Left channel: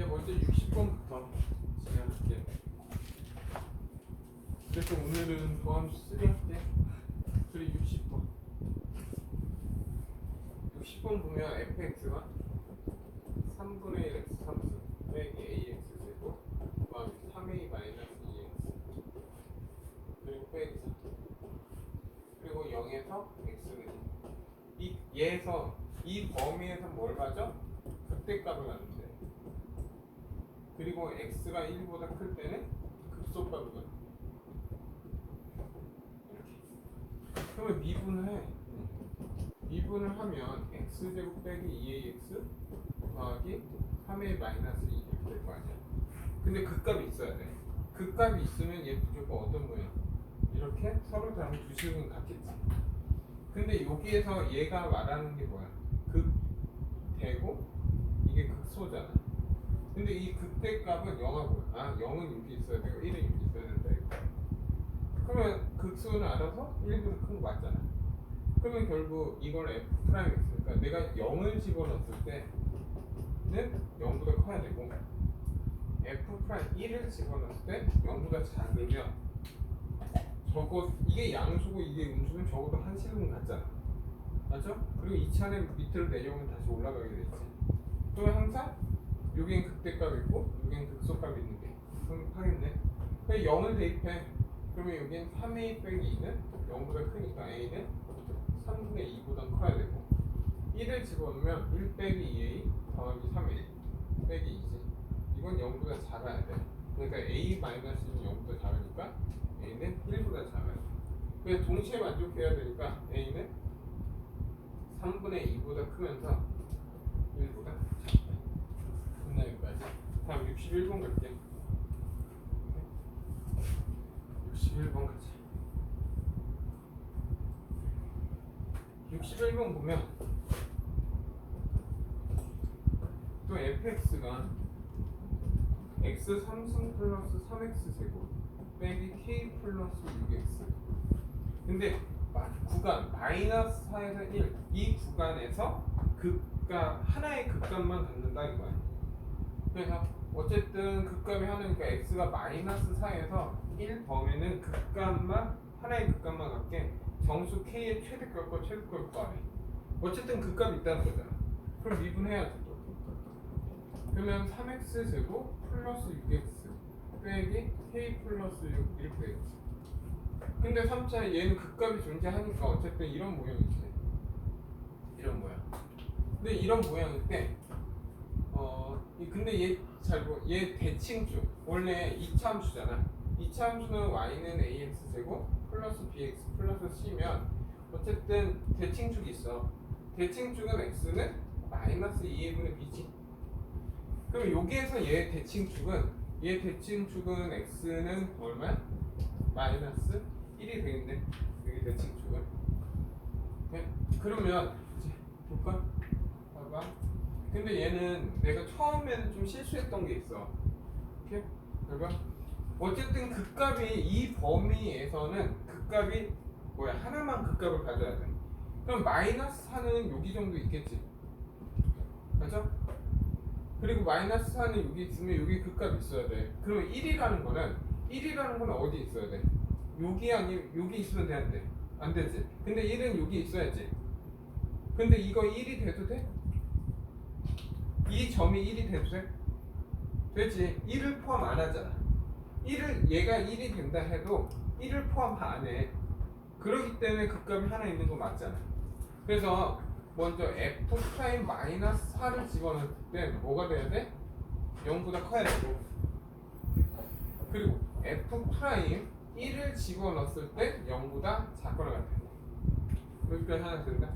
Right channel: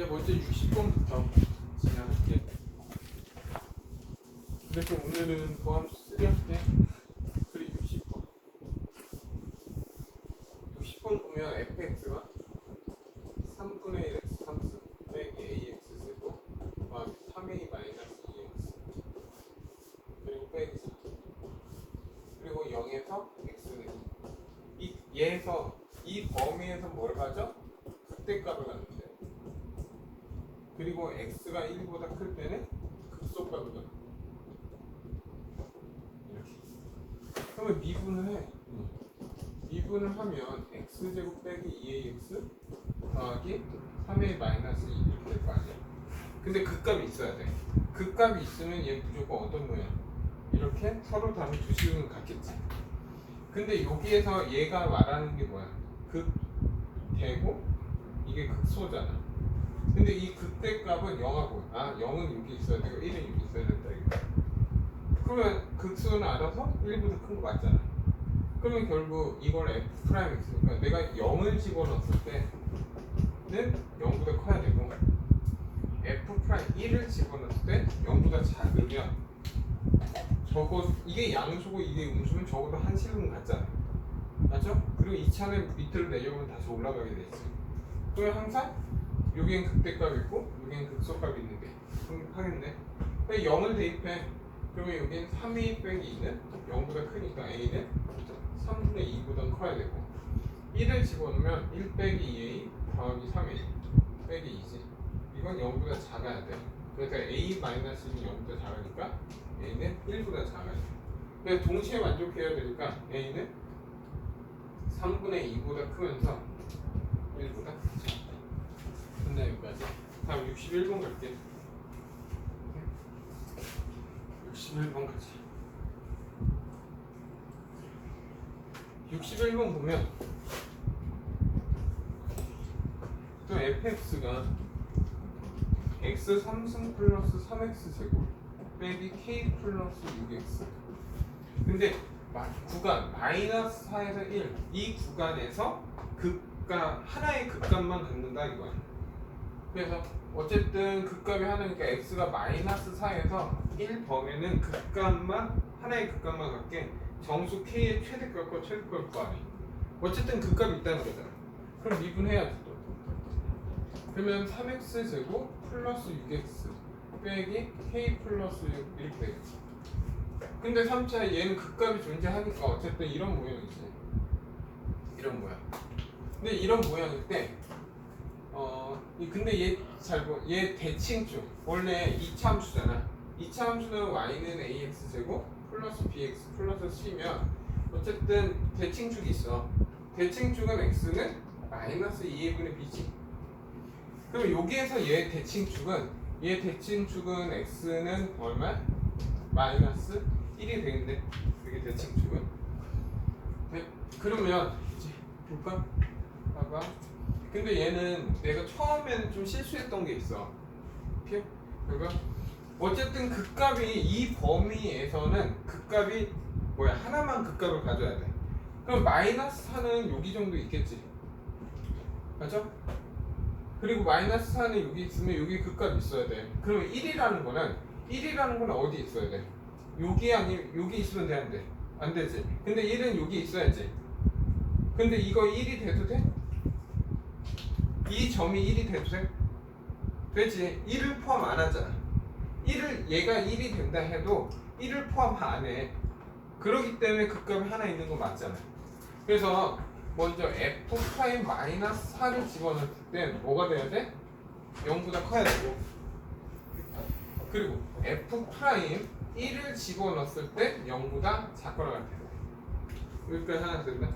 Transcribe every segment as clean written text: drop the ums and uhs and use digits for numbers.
이제 먼저 60번부터 진행할게. 그래서 오늘은 도함 3할게. 그리고 60번. 60번 보면 fx가 3분의 1 x 3수 빼기 ax 세고 그다음에 3a 마이너스 2x 그리고 빼기 4 그리고 0에서 x는 얘에서 이 범위에서 뭘 가져? 극대값을 갖는데 그리고 x가 1보다 클 때는 극소값을 갖는데 이렇게 그러면 미분을 해. 미분을 하면 x제곱 빼기 2ax 더하기 3a 마이너스 2 이렇게 될 거 아니야. 근데 극값이 있어야 돼. 극값이 있으면 얘 무조건 어떤 모양? 이렇게 서로 다른 두 식은 같겠지. 근데 여기에서 얘가 말하는 게 뭐야? 극대고 이게 극소잖아. 근데 이 극대값은 0하고 0은 여기 있어야 되고 1은 여기 있어야 된다 이거. 그러면 극소는 알아서 1보다 큰 거 맞잖아. 그러면 결국 이걸 f'x니까 내가 0을 집어넣었을 때는 0보다 커야 되고 f'1을 집어넣었을 때 0보다 작으면 이게 양수고 이게 음수면 적어도 한 식은 같잖아. 맞죠? 그리고 이 차는 밑으로 내려오면 다시 올라가게 돼 있어. 그러면 항상 여기엔 극대값 있고 여기엔 극소값 있는 게 하겠네. 그럼 0을 대입해. 그러면 여기엔 3a 빼기 2는 0보다 크니까 a는 3분의 2보다 커야 되고 1을 집어넣으면 1 빼기 2a 더하기 3a 빼기 2지. 이건 0보다 작아야 돼. 그러니까 a 마이너스는 0보다 작으니까 a는 1보다 작아야 돼. 그래서 동시에 만족해야 되니까 a는 3분의 2보다 크면서 1보다 작다. 끝나 여기까지. 다음 61번 갈게. 61번 가자. 61번 보면 또 fx가 x 3승 플러스 3x 제곱 빼기 k 플러스 6x 근데 구간 마이너스 4에서 1 이 구간에서 극값 하나의 극값만 갖는다 이거야. 그래서 어쨌든 극값이 하나니까 x가 마이너스 4에서 1 범위는 극값만 하나의 극값만 갖게 정수 k의 최대값과 최대값 구하래. 어쨌든 극값이 있다는 거잖아. 그럼 미분해야지 또. 그러면 3x 제곱 플러스 6x 빼기 k 플러스 6 이렇게 되겠지. 근데 3차 얘는 극값이 존재하니까 어쨌든 이런 모양이지. 이런 모양. 근데 이런 모양일 때 근데 얘 대칭축 원래 2차 함수잖아. 2차 함수는 y는 ax 제곱 플러스 bx 플러스 c면 어쨌든 대칭축이 있어. 대칭축은 x는 마이너스 2a분의 b지. 그럼 여기에서 얘 대칭축은 x는 얼마? 마이너스 1이 되는데 여기 대칭축은. 네? 그러면 이제 볼까? 봐봐. 근데 얘는 내가 처음에는 좀 실수했던 게 있어. 이렇게? 그러니까 어쨌든 극값이 이 범위에서는 극값이 뭐야? 하나만 극값을 가져야 돼. 그럼 마이너스 4는 여기 정도 있겠지. 맞죠? 그리고 마이너스 4는 여기 있으면 여기 극값이 있어야 돼. 그러면 1이라는 거는 어디 있어야 돼? 여기 아니면 여기 있으면 돼, 안 돼? 안 되지. 근데 1은 여기 있어야지. 근데 이거 1이 돼도 돼? 이 점이 1이 돼도 돼? 되지. 1을 포함 안 하잖아. 얘가 1이 된다 해도 1을 포함 안 해. 그렇기 때문에 극값이 하나 있는 거 맞잖아. 그래서 먼저 f' 마이너스 4를 집어넣을 때 뭐가 돼야 돼? 0보다 커야 되고 그리고 f' 1을 집어넣었을 때 0보다 작거나 같아. 여기까지 하나 된다?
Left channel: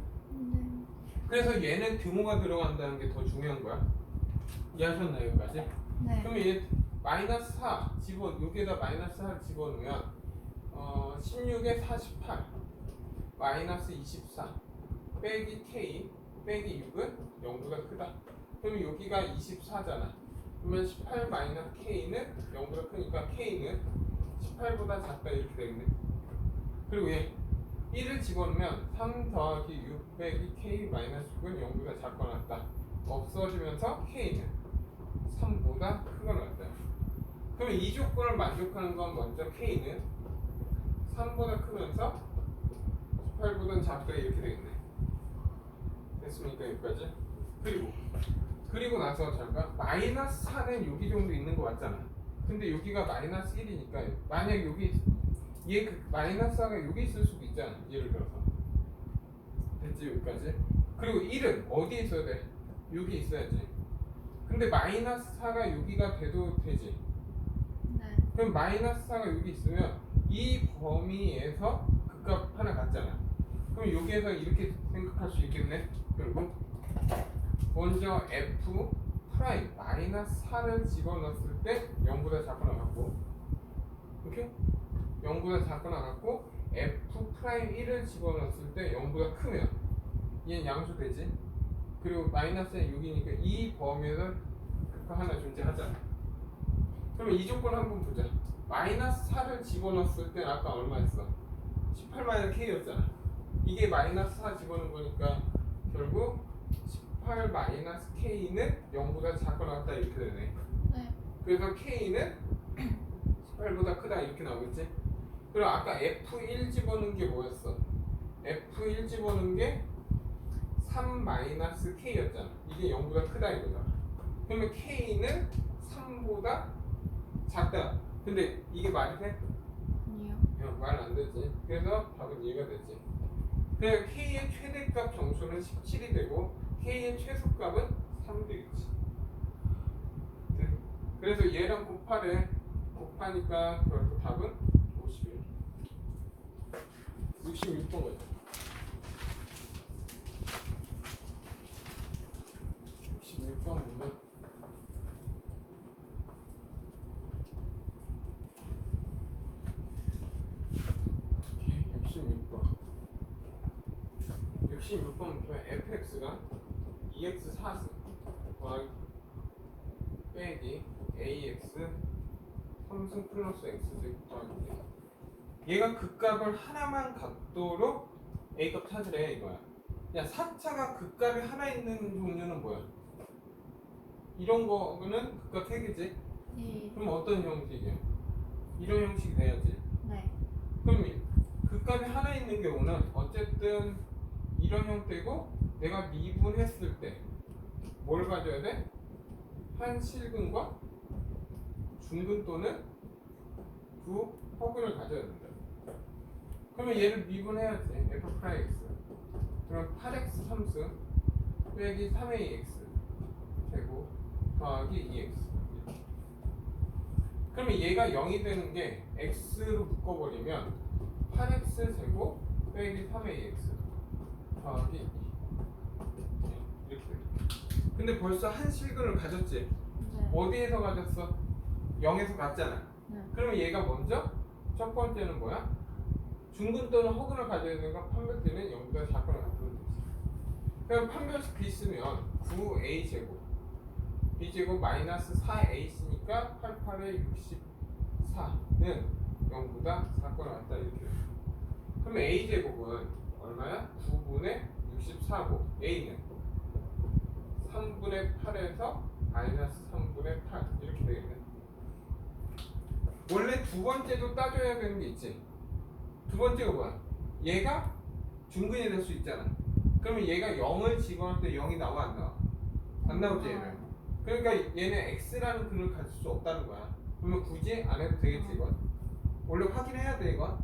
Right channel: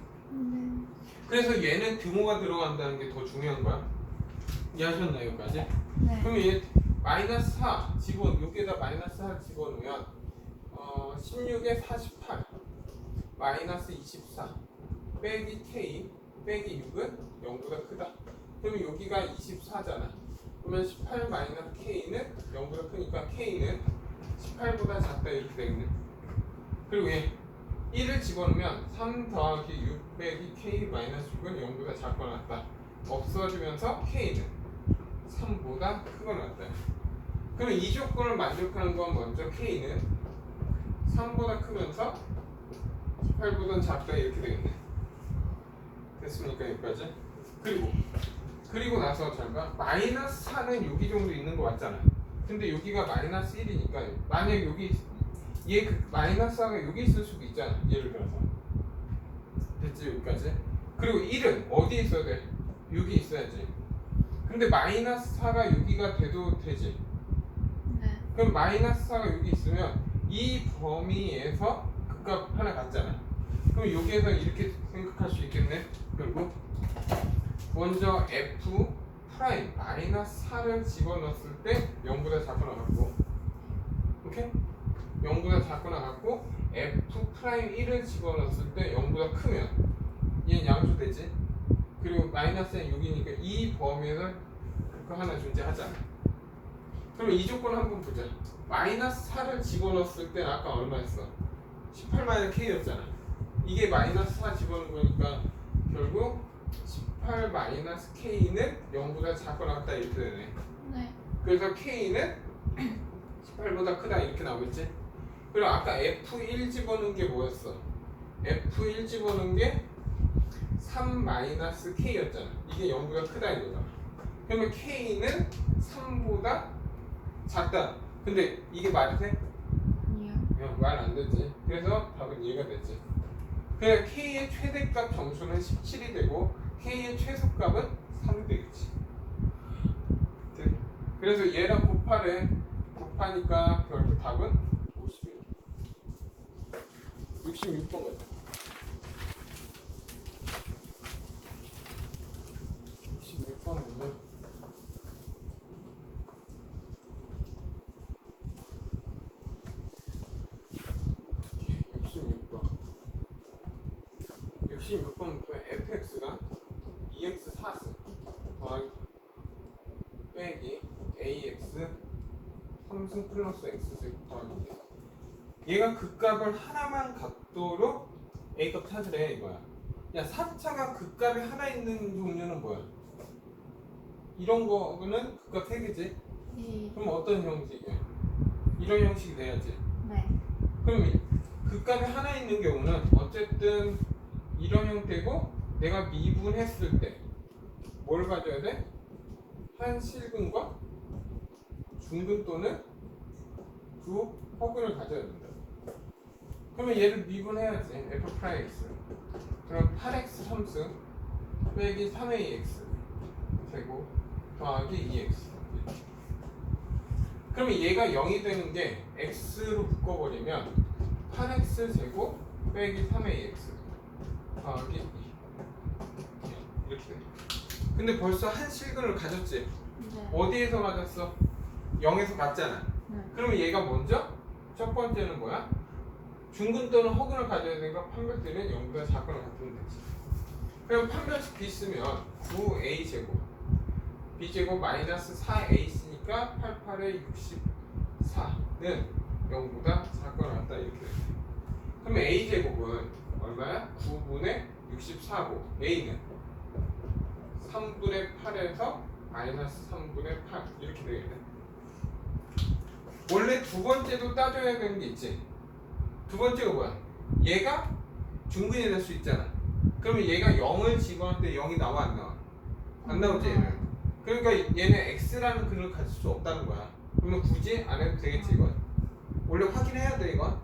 그래서 얘는 등호가 들어간다는 게 더 중요한 거야. 이해하셨나요? 여기까지? 네. 그러면 얘 마이너스 4 여기에다 마이너스 4 집어넣으면 16에 48 마이너스 24 빼기 k 빼기 6은 0보다 크다. 그러면 여기가 24잖아. 그러면 18 마이너스 k는 0보다 크니까 k는 18보다 작다 이렇게 되겠네. 그리고 얘 1을 집어넣으면 3 더하기 6 빼기 k 마이너스 6은 0보다 작거나 같다. 없어지면서 k는 3보다 크거나 같다. 그럼 이 조건을 만족하는 건 먼저 K는 3보다 크면서 18보다는 작다 이렇게 되겠네. 됐습니까? 여기까지? 그리고 나서 잠깐 마이너스 4는 여기 정도 있는 거 맞잖아. 근데 여기가 마이너스 1이니까 만약 여기 얘 마이너스 4가 여기 있을 수도 있잖아. 예를 들어서 됐지? 여기까지? 그리고 1은 어디에 있어야 돼? 여기 있어야지. 근데 마이너스 4가 여기가 돼도 되지. 네. 그럼 마이너스 4가 여기 있으면 이 범위에서 극값 하나 같잖아. 그럼 여기에서 이렇게 생각할 수 있겠네. 결국 먼저 f 프라임 마이너스 4를 집어넣었을 때 0보다 작거나 같고, 오케이? 0보다 작거나 같고 f 프라임 1을 집어넣었을 때 0보다 크면 얘는 양수되지. 그리고 마이너스는 6이니까 이 범위에서 그거 하나 존재하잖아. 그럼 이 조건 한번 보자. 마이너스 4를 집어넣었을 때 아까 얼마였어? 18-K였잖아. 이게 마이너스 4 집어넣은 거니까 결국 18-K는 0보다 작거나 같다 이렇게 되네. 네. 그래서 K는 18보다 크다 이렇게 나오겠지? 그리고 아까 F1 집어넣은 게 뭐였어? F1 집어넣은 게 3-K였잖아. 이게 0보다 크다 이거잖아. 그러면 K는 3보다 작다. 근데 이게 말이 돼? 아니요. 말 안 되지. 그래서 답은 얘가 되지. 그냥 K의 최대값 정수는 17이 되고 K의 최소값은 3이 되겠지. 그래서 얘랑 곱하니까 결국 답은 51. 66번 같아. 66번 보면 66번부터 fx가 2x 4승 더하기 빼기 ax 3승 플러스 x승 더하기 얘가 극값을 하나만 갖도록 a값 찾으래 이거야. 야 4차가 극값이 하나 있는 종류는 뭐야? 이런 거는 극값 3개지? 네. 그럼 어떤 형식이야? 이런 형식이 돼야지. 네. 그럼 극값이 하나 있는 경우는 어쨌든 이런 형태고 내가 미분했을 때 뭘 가져야 돼? 한 실근과 중근 또는 두 허근을 가져야 된다. 그러면 얘를 미분해야지. f 프라임 x 그럼 8x 3승 빼기 3ax 제곱 더하기 2x. 그러면 얘가 0이 되는 게 x로 묶어버리면 8x 제곱 빼기 3ax 더하기 2 이렇게 돼. 근데 벌써 한 실근을 가졌지? 네. 어디에서 가졌어? 0에서 갔잖아. 네. 그러면 얘가 먼저 첫 번째는 뭐야? 중근 또는 허근을 가져야 되니까 판별되는 0보다 작거나 같으면 되지. 그럼 판별식 b 쓰면 9a 제곱 b 제곱 마이너스 4a 쓰니까 88에 64는 0보다 작거나 같다 이렇게 돼. 그러면 a 제곱은 얼마야? 9분의 64고 a는 3분의 8에서 마이너스 3분의 8 이렇게 되겠네. 원래 두 번째도 따져야 되는 게 있지. 두 번째가 뭐야? 얘가 중근이 될 수 있잖아. 그러면 얘가 0을 집어넣을 때 0이 나와 안 나와? 안 나오지 얘는. 그러니까 얘는 x라는 근을 가질 수 없다는 거야. 그러면 굳이 안 해도 되겠지 이건. 원래 확인해야 돼 이건.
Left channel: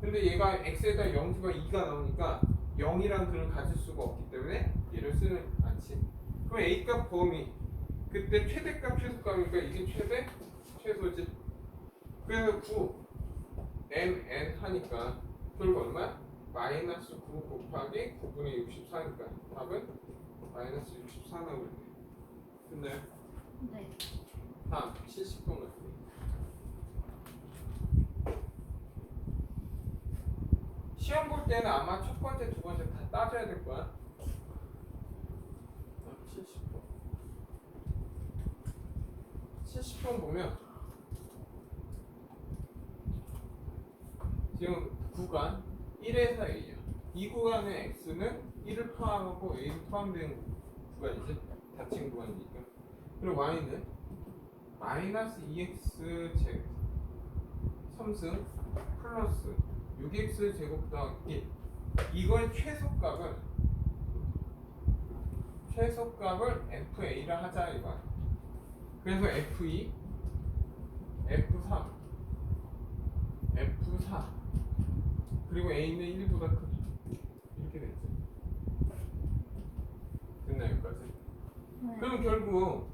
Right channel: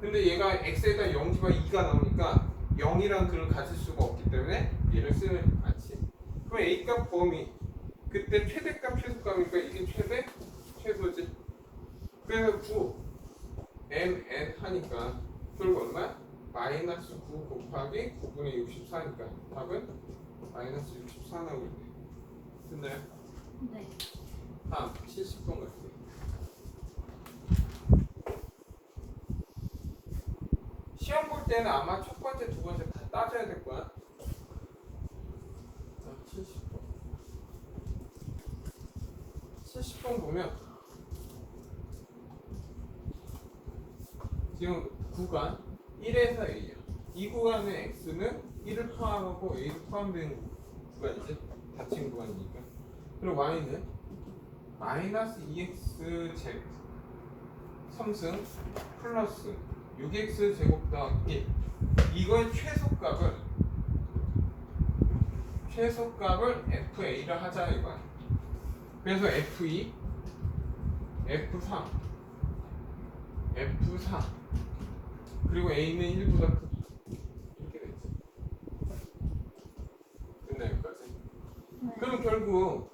근데 얘가 x에다 0 집어 2가 나오니까 0이란 근을 가질 수가 없기 때문에 얘를 쓰는 않지. 그럼 a값 범위 그때 최대값 최소값이니까 이게 최대 최소지. 그래서 9 mn 하니까 결국 얼마야? 마이너스 9 곱하기 9분의 64니까 답은 마이너스 64 나오겠네. 됐나요? 네. 다음 70번 갈게요. 시험 볼 때는 아마 첫 번째, 두 번째 다 따져야 될 거야. 70번. 70번 보면 지금 구간 1에서 A야. 이 구간의 X는 1을 포함하고 A를 포함된 구간이지. 닫힌 구간이니까. 그리고 y는 마이너스 2x 제 3승 플러스 6x 제곱 더하기 1. 이거의 최소값을 FA라 하자 이거야. 그래서 F2, F3, F4 그리고 A는 1보다 크다 이렇게 됐지. 됐나 여기까지? 네. 그럼 결국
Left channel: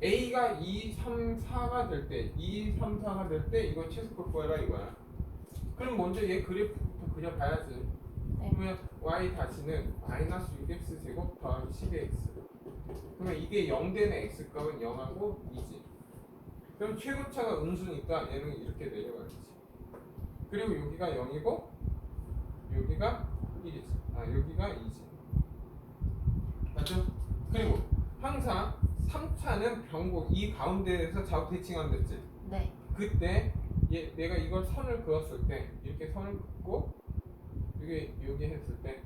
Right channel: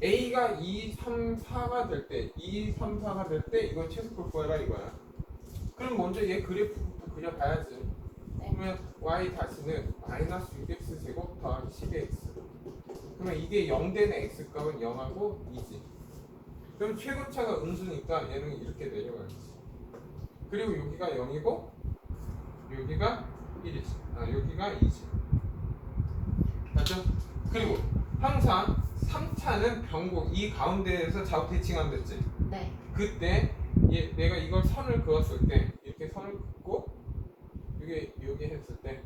A가 2, 3, 4가 될 때 2, 3, 4가 될 때 이건 최소값 구하라 이거야. 그럼 먼저 얘 그래프부터 그려봐야지. 네. 그러면 y 다시는 마이너스 6x 제곱 더하기 12x. 그러면 이게 0 되는 x 값은 0하고 2지. 그럼 최고차가 음수니까 얘는 이렇게 내려가야지. 그리고 여기가 0이고 여기가 1이지. 여기가 2지. 맞죠? 그리고 항상 3차는 변곡 이 가운데에서 좌우 대칭하면 됐지. 네. 그때 내가 이걸 선을 그었을 때 이렇게 선을 긋고 여기 했을 때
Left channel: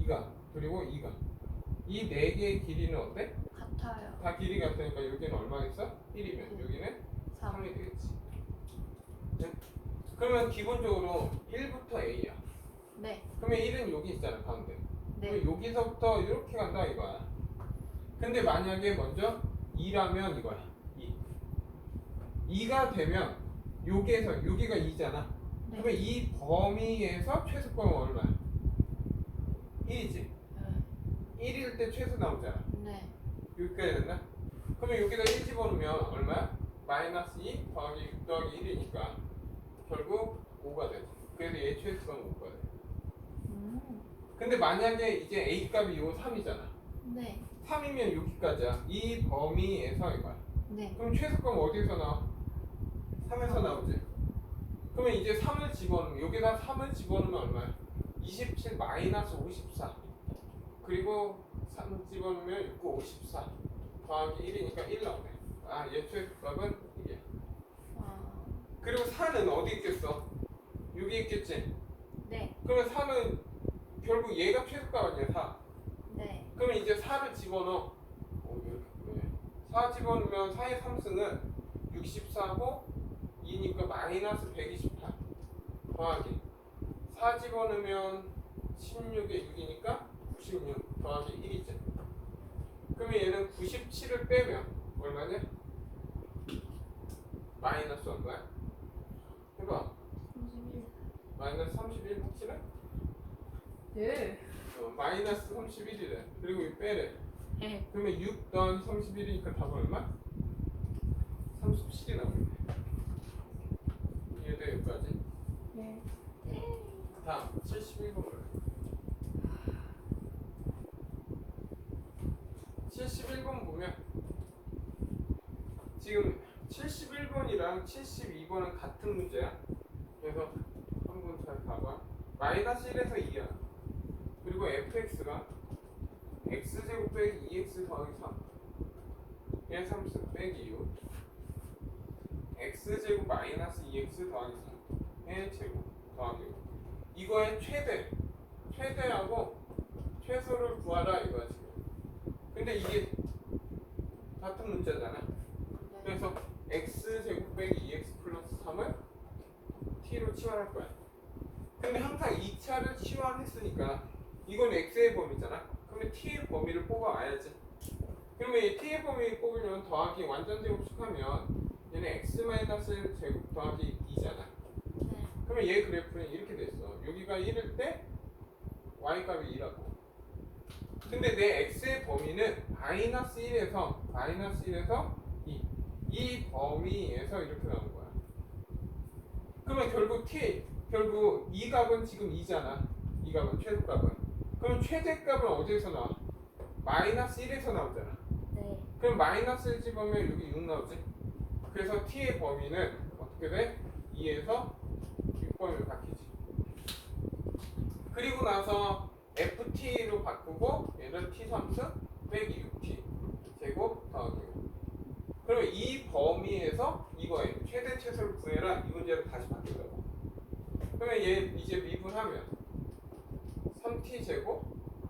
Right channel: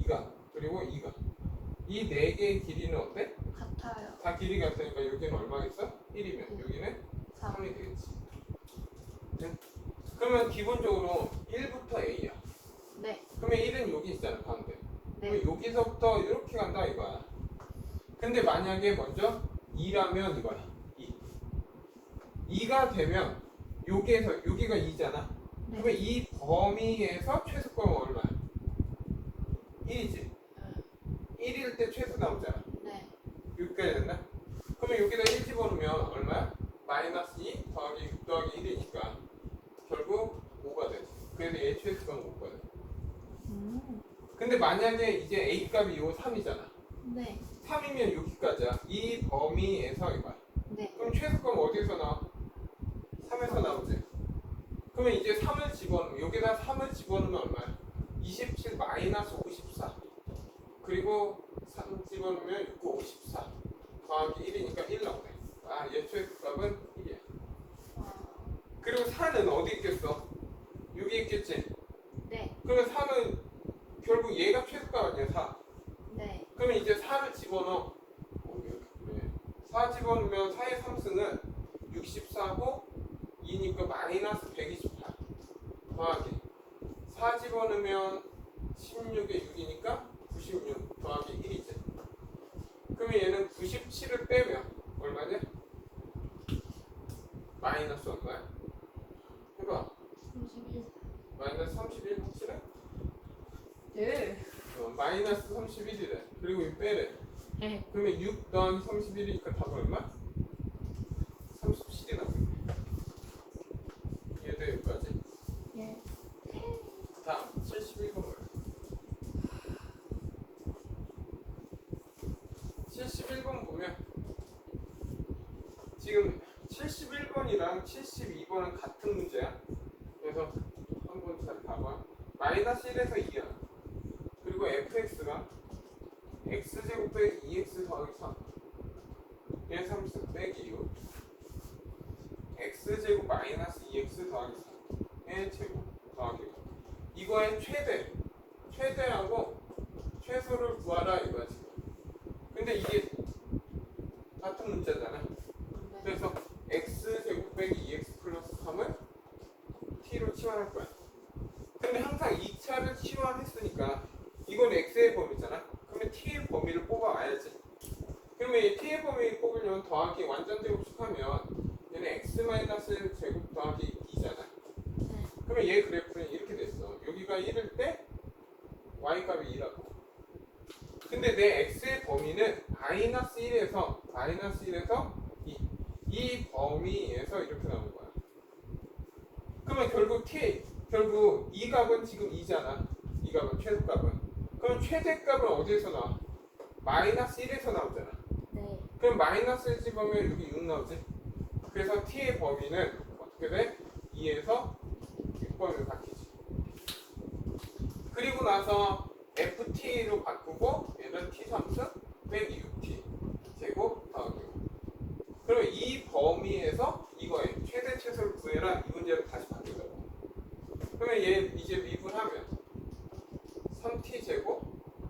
2가 그리고 2가 이 네 개의 길이는 어때? 같아요. 다 길이 같으니까 여기는 얼마 있어? 1이면 여기는 3. 3이 되겠지. 네? 그러면 기본적으로 1부터 A야. 네. 그러면 1은 여기 있잖아 가운데. 네. 그럼 여기서부터 이렇게 간다 이거야. 근데 만약에 먼저 2라면 이거야. 2. 2가 되면 여기에서 여기가 2잖아. 네. 그러면 이 범위에서 최소값은 얼마야? 1이지. 1일 때 최소 나오잖아. 네. 여기까지 됐나? 그러면 여기다 1 집어넣으면 얼마야? 마이너스 2 더하기 6 더하기 1이니까 결국 5가 되지. 그래서 얘 최소값은 5가 돼. 근데 만약에 이제 A 값이 요 3이잖아. 네. 3이면 여기까지야. 이 범위에서 이거야. 네. 그럼 최소값은 어디서 나와? 3에서 나오지. 그러면 이제 3을 집어넣으면 여기다 3을 집어넣으면 얼마야? 27 마이너스 54 그리고 3 집어넣으면 6, 54 더하기 1이니까 1 나오네. 얘 최소값은 1이야. 그리고 4는 어디 있겠어? 여기 있겠지? 네. 그러면 4는 결국 얘가 최소값 아니야 4. 네. 그러면 이제 4를 집어넣어. 이렇게 그래. 4 집어넣으면 4의 3승은 64고 2니까 마이너스 128 더하기 4 집어넣으면 16에 6이니까 96 더하기 1이지. 그러면 얘는 97을 빼면 얼마냐? 마이너스 얼마야? 해봐. 31. 마이너스 31 확실해? 네. 마이너스 31이래. 그리고 이 빼래. 네. 그러면 6 더하기 31이니까 답은 얼마? 37이 나오겠네. 이해돼 여기까지? 네. 다음 71번을 71번 보면 지금 71번이랑 72번은 같은 문제야. 그래서 한번 잘 봐봐. 마이너스 1에서 2야. 그리고 fx가 x제곱 빼기 2x 더하기 3 얘 3승 빼기 6 x제곱 마이너스 2x 더하기 3의 제곱 더하기 6 이거의 최대하고 최소를 구하라 이거야 지금. 근데 이게 같은 문자잖아. 그래서 x제곱 빼기 2x 플러스 3을 t로 치환할 거야. 근데 항상 2차를 치환했으니까 이건 x의 범위잖아. 그러면 t의 범위를 뽑아와야지. 그러면 이 t의 범위 뽑으려면 더하기 완전 제곱식하면 얘는 x 마이너스 제곱 더하기 2잖아. 그러면 얘 그래프는 이렇게 됐어. 여기가 1일 때 y 값이 2라고. 근데 내 x의 범위는 마이너스 1에서 2. 이 범위에서 이렇게 나온 거야. 그러면 결국 이 값은 지금 2잖아. 이 값은 최소값은. 그럼 최대값은 어디에서 나와? 마이너스 1에서 나오잖아. 네. 그럼 마이너스 1 집으면 여기 6 나오지. 그래서 t의 범위는 어떻게 돼? 2에서 6범위로 바뀌지. 그리고 나서 ft로 바꾸고 얘는 t3승 빼기 6t 제곱 더하기 6. 그럼 이 범위에서 이거에 최대 최소를 구해라 이 문제를 다시 바뀌더라고. 그러면 얘 이제 미분하면 3t 제곱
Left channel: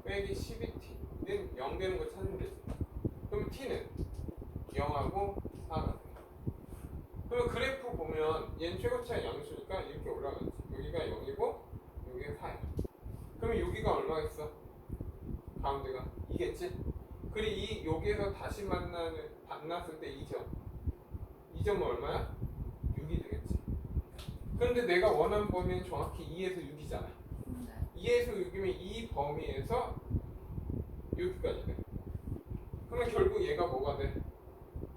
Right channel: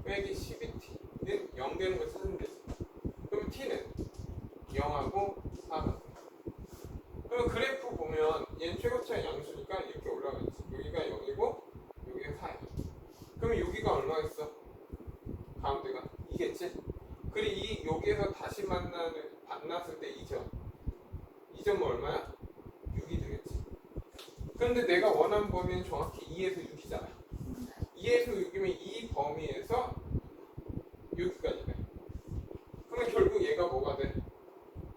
빼기 12t는 0 되는 걸 찾으면 되지. 그럼 t는 그리고 이 여기에서 다시 만났을 때 2점. 2점은 얼마야? 6이 되겠지. 그런데 내가 원하는 범위는 정확히 2에서 6이잖아. 2에서 6이면 이 범위에서 여기까지 돼. 그러면 결국 얘가 뭐가 돼?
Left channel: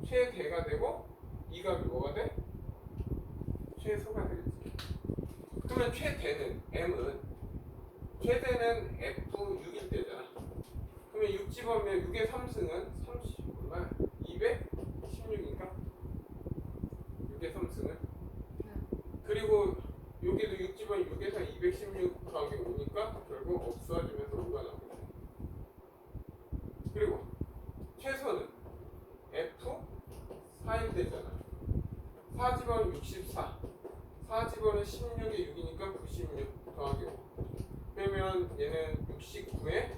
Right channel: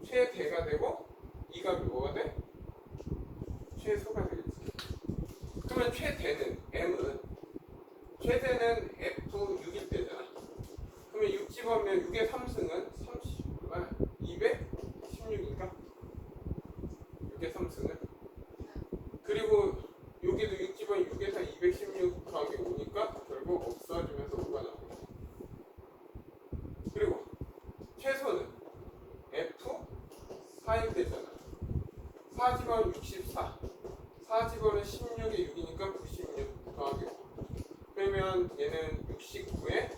최대가 되고 이 값이 뭐가 돼? 최소가 되겠지. 그러면 최대는 m은 최대는 f6일 때잖아. 그러면 6 집어면 6의 3승은 216인가? 6의 3승은 그리고 여기도 6 집어면 6에서 216 더하기 5니까 결국 없어지면서 5가 나오고 그리고 최소는 F4일 때잖아. 4 집어면 64 4 집어는 16에 6이니까 96 더하기 5 그러면 얘는 69에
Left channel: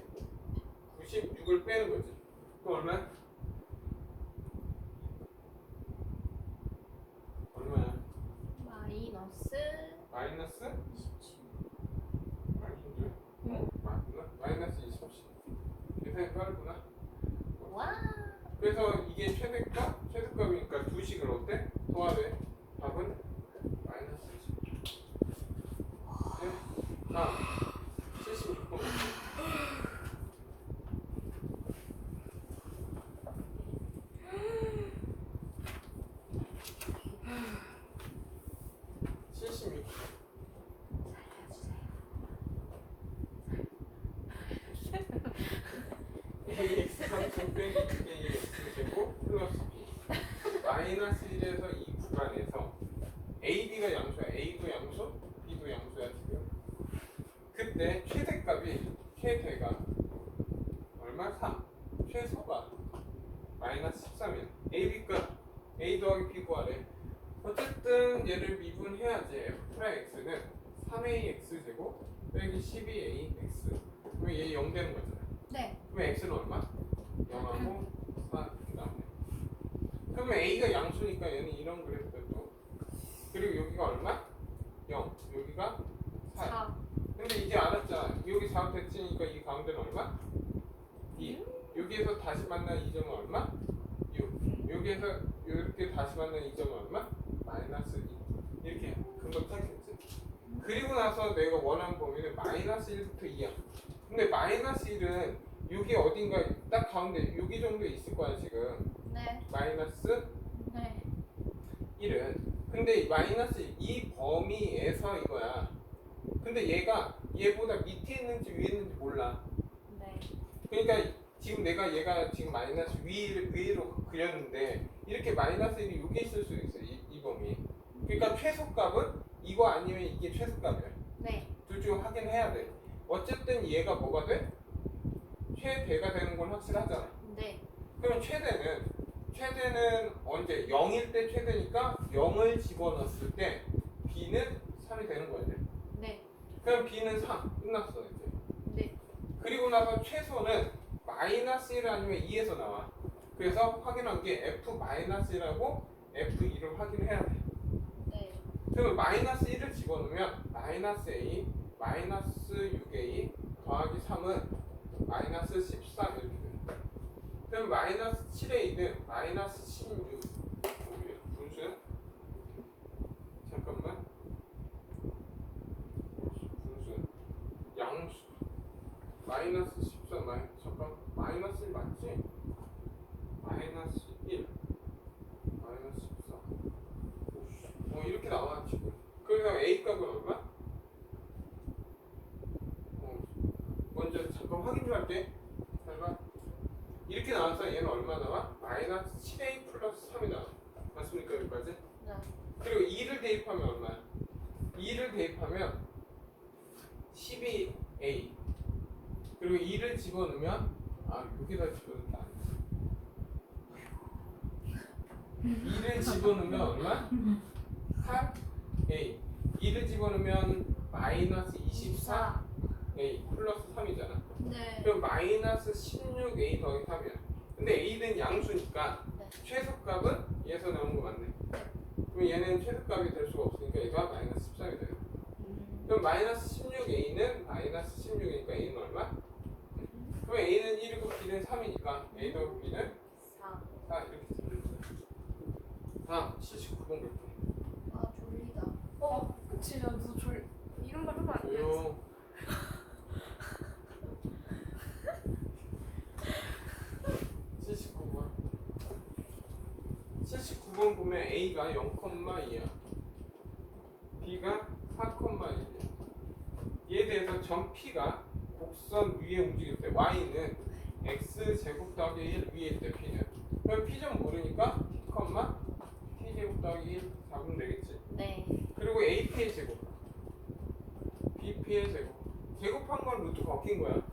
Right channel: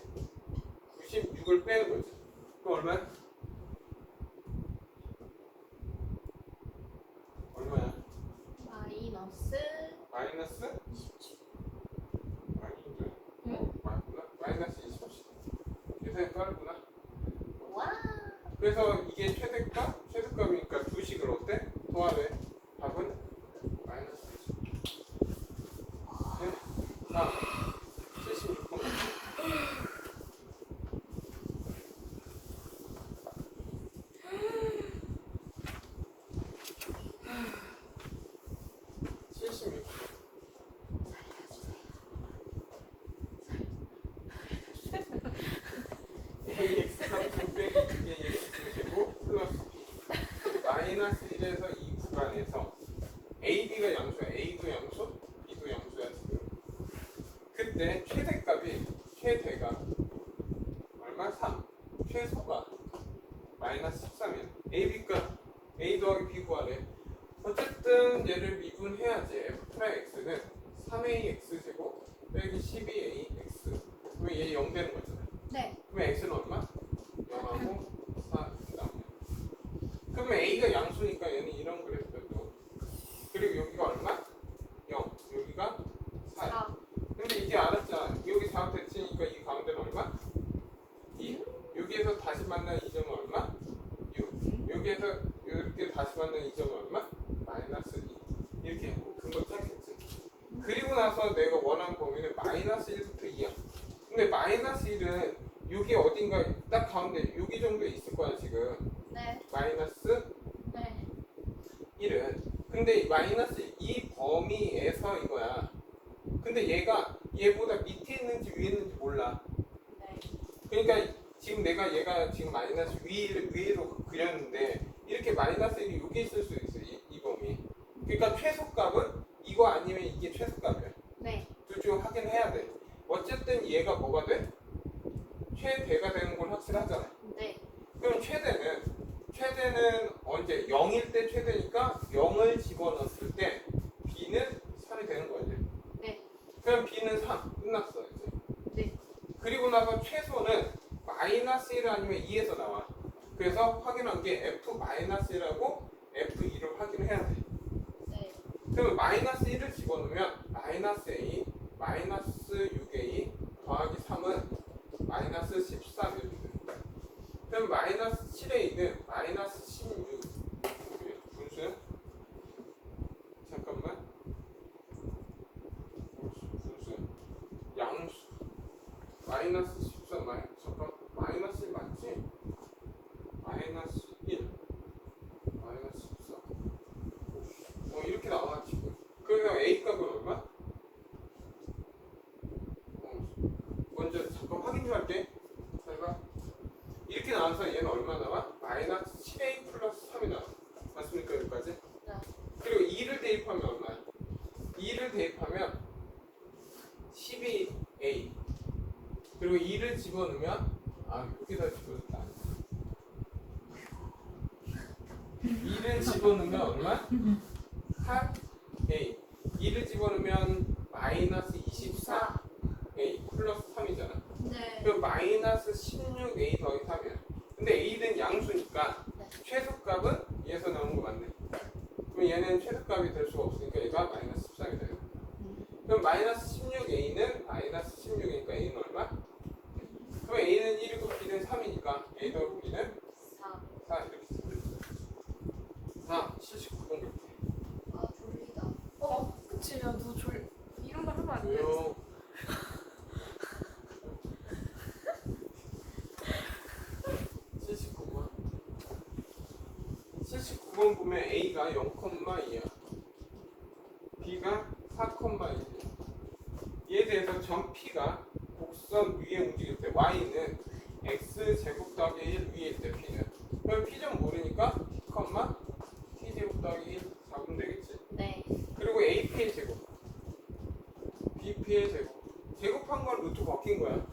96을 빼는 거지. 그럼 얼마야? 마이너스 마이너스? 27. 맞구나. 마이너스 27. 계산이 빠르구나. 와. 그래서 이게 최대값? 최대값이니까 두 식을 어때? 더하래. 답은 마이너스 20. 네. 다음 76번. ax 상승 빼기 2ax 제곱 플러스 b 마이너스 1에서 2 구간에서 a, b가 양수야. a도 양수, b도 양수야 지금. 그때 최대가 얼마? 3 최소가 마이너스 13이야. a, b값 a 더하기 b 구하래. 어쨌든 얘를 미분해야지. f 프라임 x는 3ax 제곱 빼기 12ax 그러면 얘 0 되는 거잖아. 네. 그러면 x는 얼마? 0하고 4 이렇게 나오네. 그러면 a가 양수니까 얘는 이런 그래프도 그리고 여기가 얼마? 0 여기가 4 근데 이제 알았잖아. 여기 4 대칭이니까 이 가운데는 얼마? 2 여기에서 다시 만난 2점은 얼마? 6 여기에서 이렇게 다시 만난 2점은 얼마? 마이너스 2 이렇게 근거 찾겠지. 그리고 나서 내가 원하는 범위는 마이너스 1부터 2야. 근데 마이너스 1은 여기 어딘가 딱 가운데 여기 정도에 있을 거야 지금. 네. 마이너스 네. 1은 근데 마이너스 이 범위에서 이거야. 근데 얘보다 밑에 있는지 위에 있는지 몰라. 네. 그러니까 지금 얘가 지금 마이너스 위로 그렸는데 이렇게 마이너스 1이 여기 있을 수 있어. 이 범위. 그러니까 최소값은 이거 아니면 이게 최소값이야. 네. 둘 중 확인해야 돼. 어쨌든 얘가 뭐가 돼? 최대가 되는 건 확실하잖아. 네. 그럼 최대는 언제? 0일 때 최대니까 0을 집어넣었을 때 b는 3이 되는 거야 이제. 네. 그럼 b는 3 끝났어 이제. 네. 그리고 나서 최소는 마이너스 1 아니면 2에서 나와. 그래서 확인한 게 f-1하고 f2를 확인해야 돼. 네. 그러면 마이너스 1을 집어넣으면 마이너스 a 마이너스 6a 더하기 3은 마이너스 13 이렇게 됩니다. 그럼 마이너스 7a는 마이너스 16 분수 잠깐만 분수 양수 마이너스 13 잠깐 마이너스 1 맞지? 마이너스 1 마이너스 14 이렇게 나와 지금. 그래서 a 값은 얼마? 먼저 잠깐 확인 좀 할게. 잘 봐. 이렇게 나와서 얘는 얼마 나와? 마이너스 7a 플러스 3이 나와. 맞습니까 여기까지? 네. 그리고 2를 대입하면 얼마야? 2를 대입하면 12a 그리고 2를 집어넣으면 여기다 집어넣다 2를 집어넣으면 얼마? 8a 2를 집어넣으면 마이너스 24a 플러스 3이잖아. 네. 그럼 마이너스 16a 더하기 3이야. 근데 a는 양수니까 네. 최소값은 얘에서 나온 거 맞네. 그럼 얘는 최소값이 될 수가 없으니까 얘가 마이너스 13이 돼요. 그럼 마이너스 16a는 마이너스 16이니까 a는 얼마? 그럼 a는 1이고 b는 3이니까 A 더하기 B는 4. 4 이렇게 쓰면 돼. 79번 볼게. 아 졸리다. 그치, 야, 너 이런 거 하면 안 돼. 조용. 79번. 79번 보면 A가 0,2야. B가 4,1이야. 얘에 대해서 점 P가 곡선 위에 움직일 때 Y는 X 제곱 더하기 1 위에 있대 P는. 그럼 P 점 모르니까 P, T 제곱 더하기 1 잡으면 되겠지. 네. 그리고 AP의 제곱, BP의 제곱. 제곱한 건 루트 바뀐 거야.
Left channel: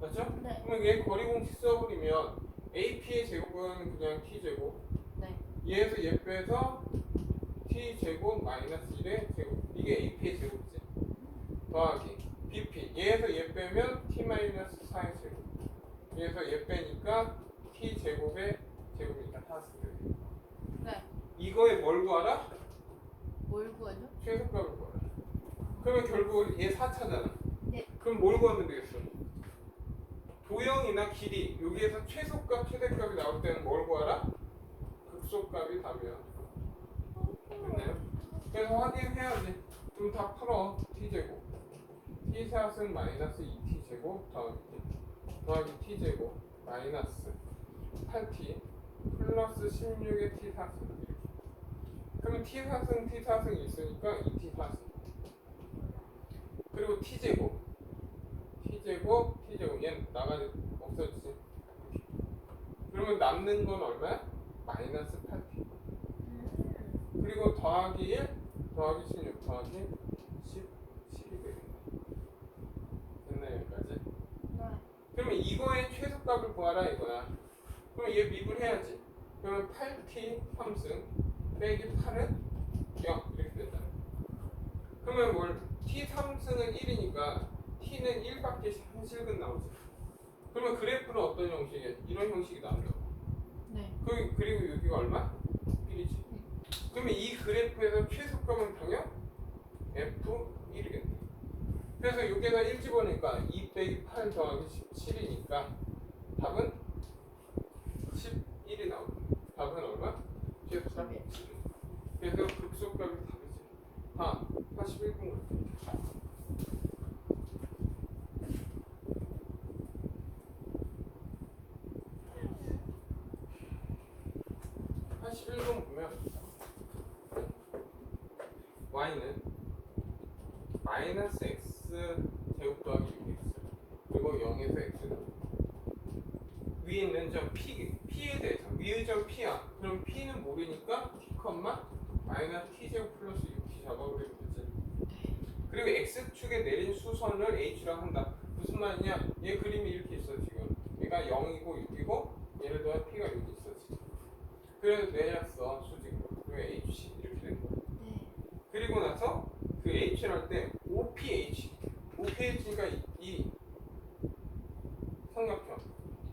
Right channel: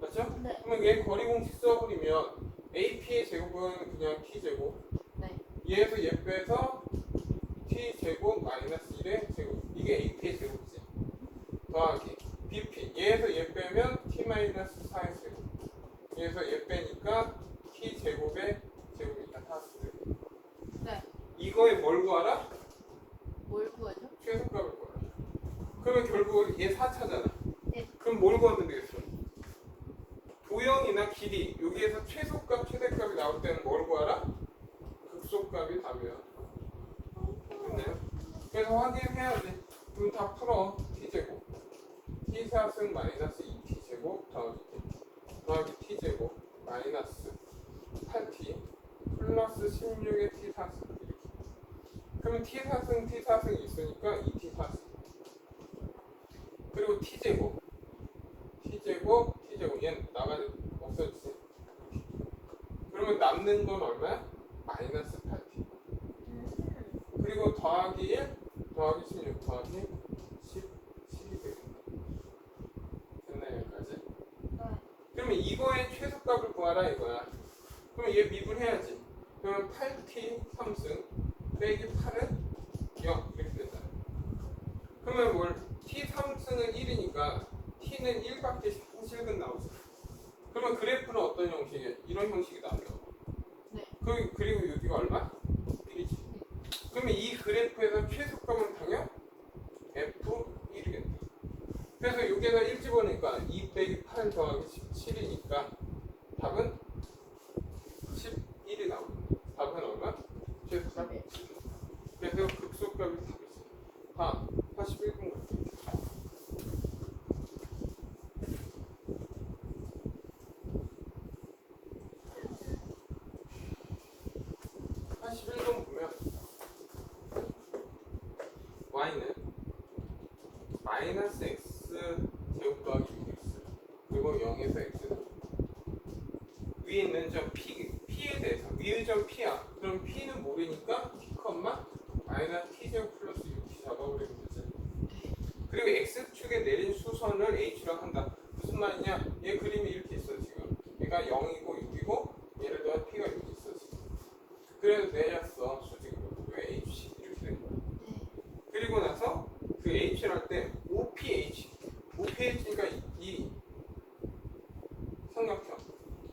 맞죠? 네. 그러면 얘 거리 공식 써버리면 AP의 제곱은 그냥 T제곱. 네. 얘에서 얘 빼서 T제곱 마이너스 1의 제곱. 이게 AP의 제곱이지. 더하기 BP. 얘에서 얘 빼면 T 마이너스 4의 제곱. 얘에서 얘 빼니까 T제곱의 제곱이니까 다 쓰게 돼. 네. 이거에 뭘 구하라? 뭘 구하죠? 최소값을 구하라. 그러면 결국 얘 4차잖아. 네. 그럼 뭘 구하면 되겠어? 도형이나 길이 여기에서 최소값, 최대값이 나올 때는 뭘 구하라? 극소값이 답이야. 됐나요? 그래서 확인해야지. 그럼 다 풀어. T제곱. T4승 마이너스 2T제곱 더하기 T제곱 마이너스 8T 플러스 16의 T4승 이렇게. 그러면 T4승 T4승이 있으니까 2T4승. 그리고 T제곱 얘는 나가지 없어지지. 그러면 남는 건 얼마야? 마이너스 8T. 그리고 더하기 1 더하기 16 더하기 17이 되겠다. 됐나요 여기까지? 네. 그러면 이거의 최소값을 구하라 이거야. 그럼 얘 미분해야지. 그러면 8T 3승 빼기 8은 0 이렇게 되잖아. 그러면 뭘 T 3승은 1이니까 T는 1밖에 한실근 나오지. 그러면 그래프는 어떤 형식이야? 이런 형식이 나온다고. 네. 그리고 여기가 얼마? 1이지. 그러면 이 그래프에서 최소값은 당연 F1이겠네. 그래서 여기에서 1 집어넣으니까 2 빼기 8 더하기 17이니까 답은 11이 나오거든. 답은 얼마? 최소값 11. 그래서 극소값이 답이지. 41분. 81번 보면 y는 마이너스 x 제곱 더하기 6x 그리고 0에서 x 위에 있는 점 p에 대해서 위의 점 p야. 그럼 p는 모르니까 t, 마이너스 t 제곱 플러스 6t 잡아버리면 되지. 그리고 x축에 내린 수선을 h라고 한다. 무슨 말이냐? 얘 그림이 이렇게 있어 지금. 얘가 0이고 6이고 예를 들어 p가 여기 있어 지금. 그래서 내렸어 수직으로. 왜 hc 이렇게 된 거야. 네. 그리고 나서 그 h를 할 때 OPH니까 이 삼각형.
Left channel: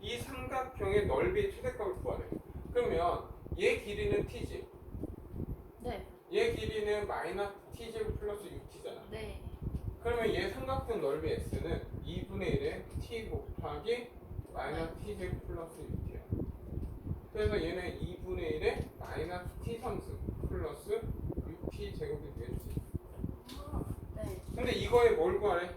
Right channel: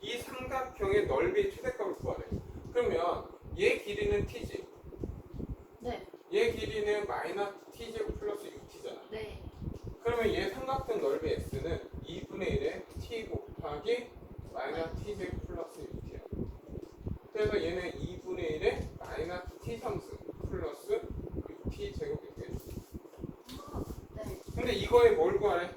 이 삼각형의 넓이의 최대값을 구하래. 그러면 얘 길이는 t지. 네. 얘 길이는 마이너스 t제곱 플러스 6t잖아. 네. 그러면 얘 삼각형 넓이 x는 2분의 1의 t 곱하기 마이너스 t제곱 플러스 6t야. 그래서 얘는 2분의 1의 마이너스 t 3승 플러스 6t 제곱이 되겠지. 네. 근데 이거에 뭘 구하래?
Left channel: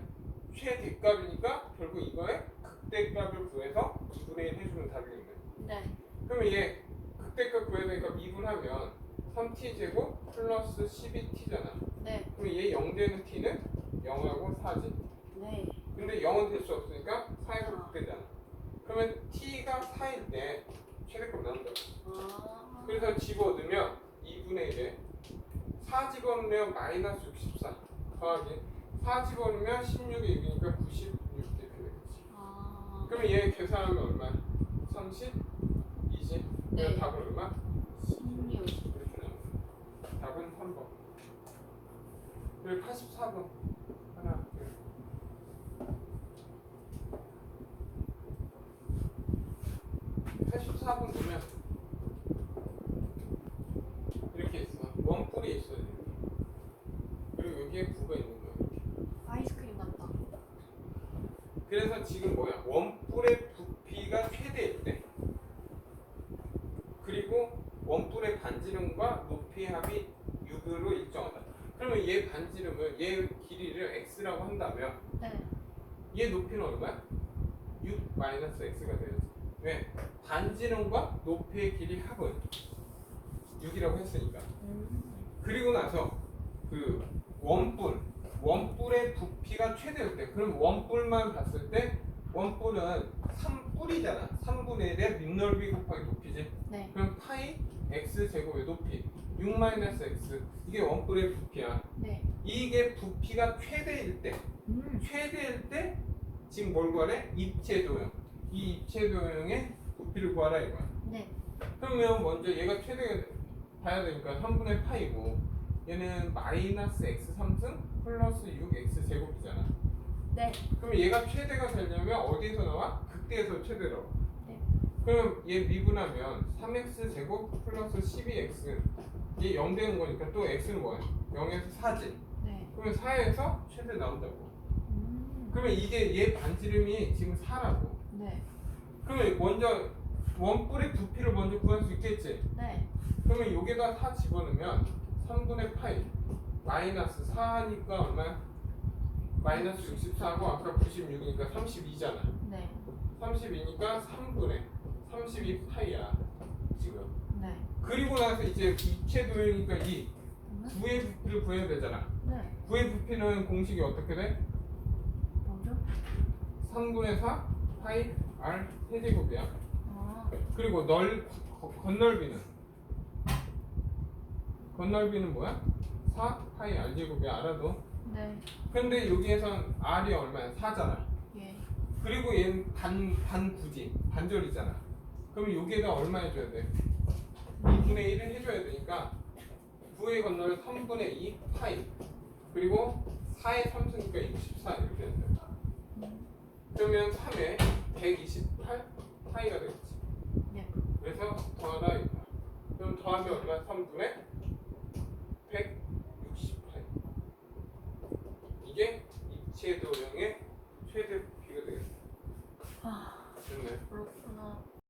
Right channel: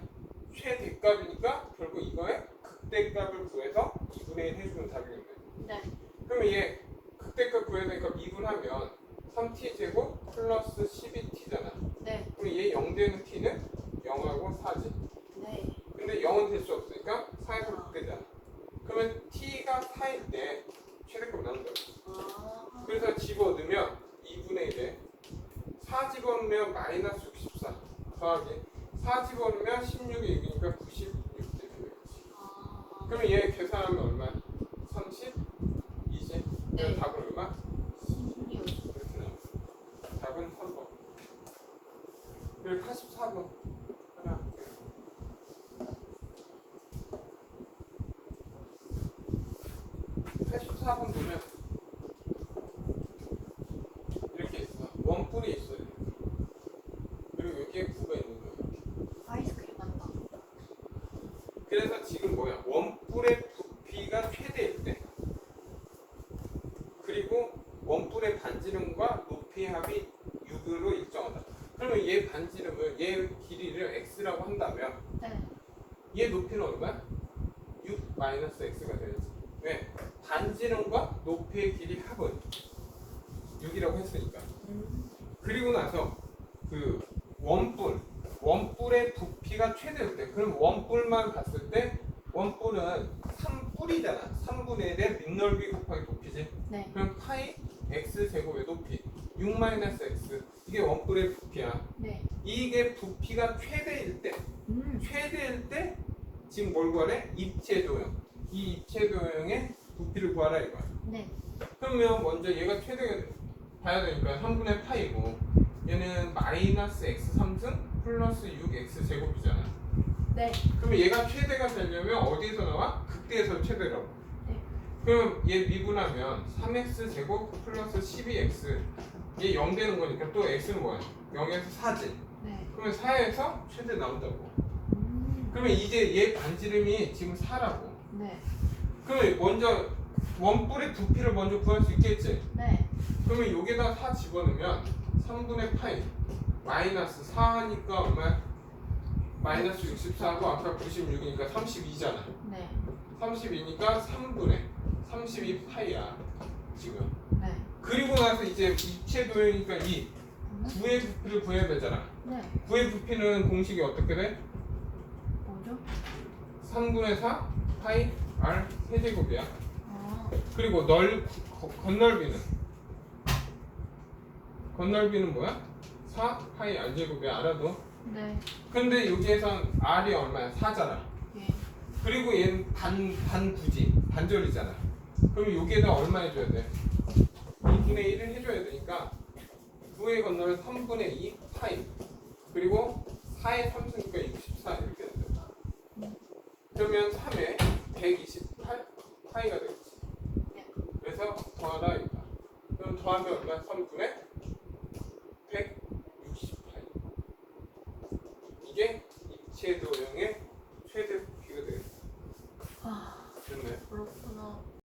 최대값이니까 결국 이거에 극대값을 구해서 2분의 1 해주면 답이겠네. 네. 그러면 얘 극대값 구해야 되니까 미분하면 3t 제곱 플러스 12t잖아. 네. 그럼 얘 0 되는 t는 0하고 4지. 네. 근데 0은 될 수 없으니까 4에서 극대잖아. 그러면 t가 4일 때 최대값 나온다. 아. 그래서 집어넣으면 2분의 1에 4 집어넣으면 마이너스 64 더하기 4 집어넣으면 16이 6이니까 96 이렇게 되겠지. 아. 그러면 얘 계산하면 얼마야? 32지? 네. 답은 얼마? 16. 이렇게 나와. 답은 3번. 그리고 84번 하나. 84번 보면 이렇게 있어. 원뿔이 있어요. 그리고 여기에 9가 있는 거야. 이렇게. 아이스크림 맛나. 그래서 지금 뭐야? 원뿔의 부피가 최대일 때 얘 반지름은 얘 길이를 x라고 한다면 네. 얘 높이는 얼마야? 6 마이너스 x가 되야지. 왜? 반지름과 높이의 길이 합은 6이라고 했으니까. 그리고 나서 그 원뿔의 부피가 최대일 때, 그럼 원뿔만 봤을 때 원뿔은 3뿔이잖아. 3분의 1의 밑넓이 곱하기 높이지. 네. 그럼 파이 x 제곱의 높이 6 마이너스 x, 이게 원뿔의 부피야. 네. 이게 부피가 최대일 때, 지금 뭘 구하래? 입체도형. 이 입체도형의 부피를 구하라 이거야. 네. 그러면 먼저 얘가 최대 봐야 되니까 3분의 파이고, 얘는 마이너스 x 3승 플러스 6x 제곱이잖아. 네. 그러면 얘가 최대가 되려면 어디에서 나와? 극대에서 최대라고. 네. 그럼 얘 미분하면 3x 제곱 플러스 12x, 얘 0 되는 거니까 또 x는 뭐야? 0에서 4지. 네. 그러면 4에서 최대 나온다고. 그러면 이제 얘 반지름이 지금 4라고. 네. 그러면 먼저 원뿔의 부피를 먼저 구할 수 있겠지. 네. 그러면 여기다 4 집어넣으면 3분의 파이 마이너스 4니까 얼마야? 마이너스 64고 아까 96이니까 32잖아. 네. 32니까 3분의 32 파이야 지금. 네. 그리고 나서 이제 입체도형이니까 이 구의 부피를 구해야 되잖아. 네. 구의 부피는 공식이 어떻게 돼? 뭐죠? 3분의 4 파이 r 세제곱이야. 아. 그리고 건널비는 뭐야? 4 파이 r 제곱이야. 알아도. 네. 근데 여기에선 r이 얼마야? 4잖아. 예. 그리고 얘는 반구지, 반절이잖아. 그럼 여기에다 얼마 해줘야 돼? 2분의 1을 해줘야 되니까 9의 건널은 3분의 2 파이, 그리고 4의 3승이니까 24 이렇게 된다. 그러면 3에 128 파이가 되겠지. 네. 그래서 더하다 이거야. 그럼 더하면 얼마야? 3분의